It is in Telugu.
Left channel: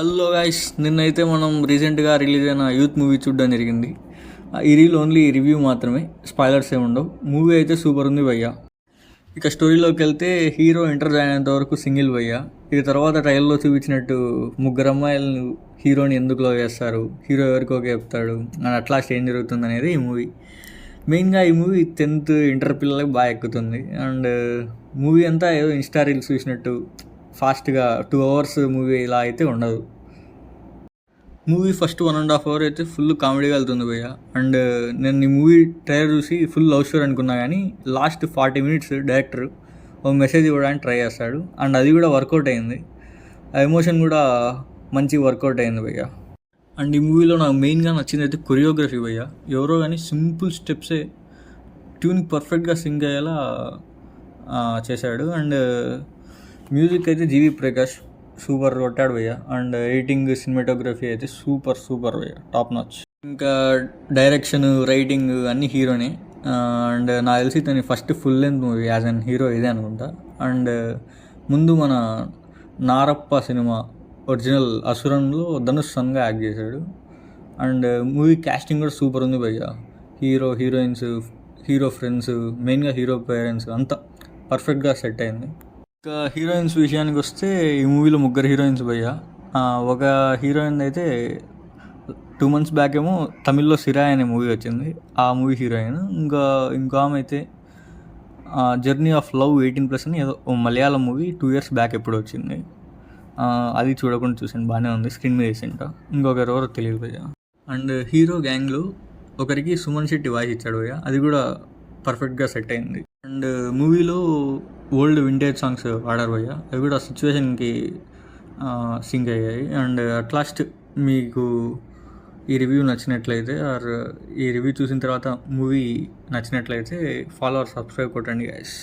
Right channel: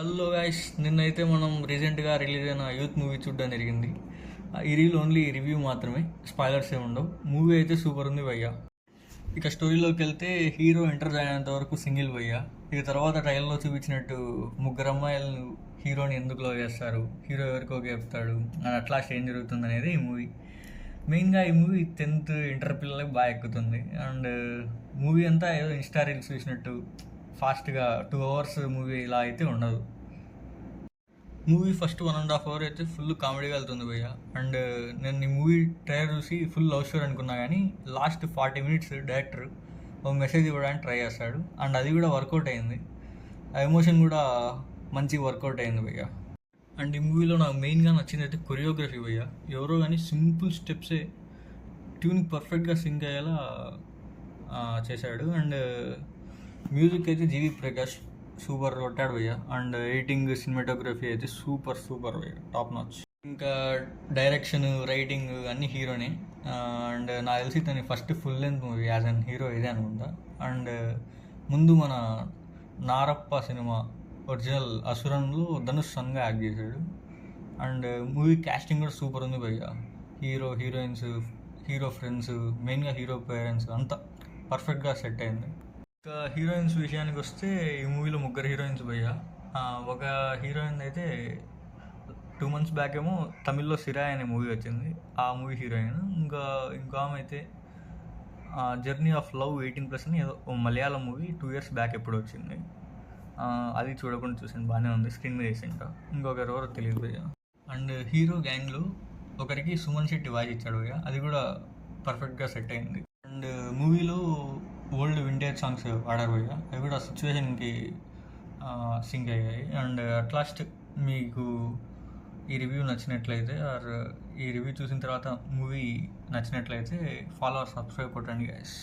హలో గైస్, నిన్నైతే మనం రీసెంట్గా రిలీజ్ అయిన యూత్ మూవీ చూడడం జరిగింది. ఈ రీల్ ఓన్లీ రివ్యూ మాత్రమే, స్పాయిలర్స్ ఏమి ఉండవు. మూవీ అయితే సూపర్ ఉంది భయ్య. ఇక స్టోరీలోకి వెళ్తే హీరో ఇంటర్ జాయిన్ అయినంత వరకు సింగిల్ భయ్య. ఇక తర్వాత ట్రైల్లో చూపించినట్టు ముగ్గురు అమ్మాయిలను హీరోని ఎందుకు లవ్ చేస్తారు, హీరో ఎవరికి ఓకే చెప్తాడు అని అట్లా ఏం జరుగుతుంది అనేది ఈ మూవీ. మెయిన్గా ఈ మూవీ 10th ఇంటర్ పిల్లలకి బాగా ఎక్కుతుంది. అండ్ మూవీ అంతా ఏదో ఇన్స్టా రీల్స్ చూసినట్టు ఫాస్ట్గా 2 hours మూవీ ఇలా అయితే ఉండదు. మూవీ ఫస్ట్ 1.5 hour అయితే ఫుల్ కామెడీగా వెళ్తుంది భయ్య. అండ్ నేను ఈ మూవీ ట్రైలర్ చూసి ఫుల్ లవ్ స్టోరీ అనుకున్నా, కానీ లాస్ట్ 40 minutes డైరెక్టర్ ఒక మెసేజ్ ఇవ్వడానికి ట్రై చేస్తాడు. అండ్ అది కూడా వర్కౌట్ అయింది. ఆ ఎమోషన్ కూడా మంచి వర్కౌట్ అయింది భయ్య. అండ్ ఈ మూవీలో నాకు మెయిన్గా నచ్చింది అయితే కొరియోగ్రఫీ భయ్య. ఎవరో కానీ సింపుల్ స్టెప్సే ట్యూన్ పర్ఫెక్ట్గా సింక్ అయ్యేలా చేశాడు. అండ్ మ్యూజిక్ అయితే జీవి ప్రకాష్ సూపర్ కొట్టాడు భయ్య. అండ్ ఎడిటింగ్, సినిమాటోగ్రఫీ అయితే సూపర్ భయ్య, టాప్ నాచ్. ఇంకా డైరెక్షన్, రైటింగ్ అన్నీ హీరోనే. అండ్ నాకు తెలిసి తను first full length movie as an hero ఇదే అనుకుంటా. అండ్ ముందు మన నారప్ప సినిమా ఒరిజినల్ అసురంలో ధనుష్ సన్గా యాక్ట్ చేశాడు. అండ్ మూవీ క్యాస్టింగ్ కూడా సూపర్ ఉంది భయ్య. హీరో, హీరోయిన్స్, హీరో ఫ్రెండ్స్, మెయిన్గా హీరో పేరెంట్స్ అంతా పర్ఫెక్ట్గా సెట్ అయింది. ఇంకా హీరోయిన్స్ విషయానికి వస్తే ఈ మూవీలో ముగ్గురు హీరోయిన్స్ భయ్య. ఒక హీరోయిన్ అయితే 2 months బ్యాక్ ఏమో తమిళ్లో సిరాయ్ అనే మూవీ వచ్చింది, ఆ మూవీ హీరోయిన్. ఇంకో ఆమె అయితే జర్నీ ఆఫ్ లవ్ 18+ అని ఏదో మలయాళం మూవీ 2 years బ్యాక్ ఎప్పుడు వచ్చింది. అది చూడకుండా చూసాను, బాగానే ఉంది, స్క్రీన్ మీద రీసెంట్గా. ఇంకొకరు ఎవరో తెలియదు భయ్య. అండ్ హీరో గ్యాంగ్లో ఒకరికి సుమన్ శెట్టి వాయిస్ ఇచ్చాడు భయ్య, అది కూడా పర్ఫెక్ట్గా సెట్ అయింది. అండ్ మూవీలో ఓల్డ్ వింటేజ్ సాంగ్స్ వాడారు భయ్య, అవి కూడా సిచ్యువేషన్కి సింక్ అయ్యాయి. అండ్ అట్ లాస్ట్ మీకు ఈ రివ్యూ నచ్చినట్లయితే ఆర్ ఈ రివ్యూ చూసిన తర్వాత మూవీ నచ్చినట్లయితే ఫాలో ఆర్ సబ్స్క్రైబ్ కొట్టండి గైస్.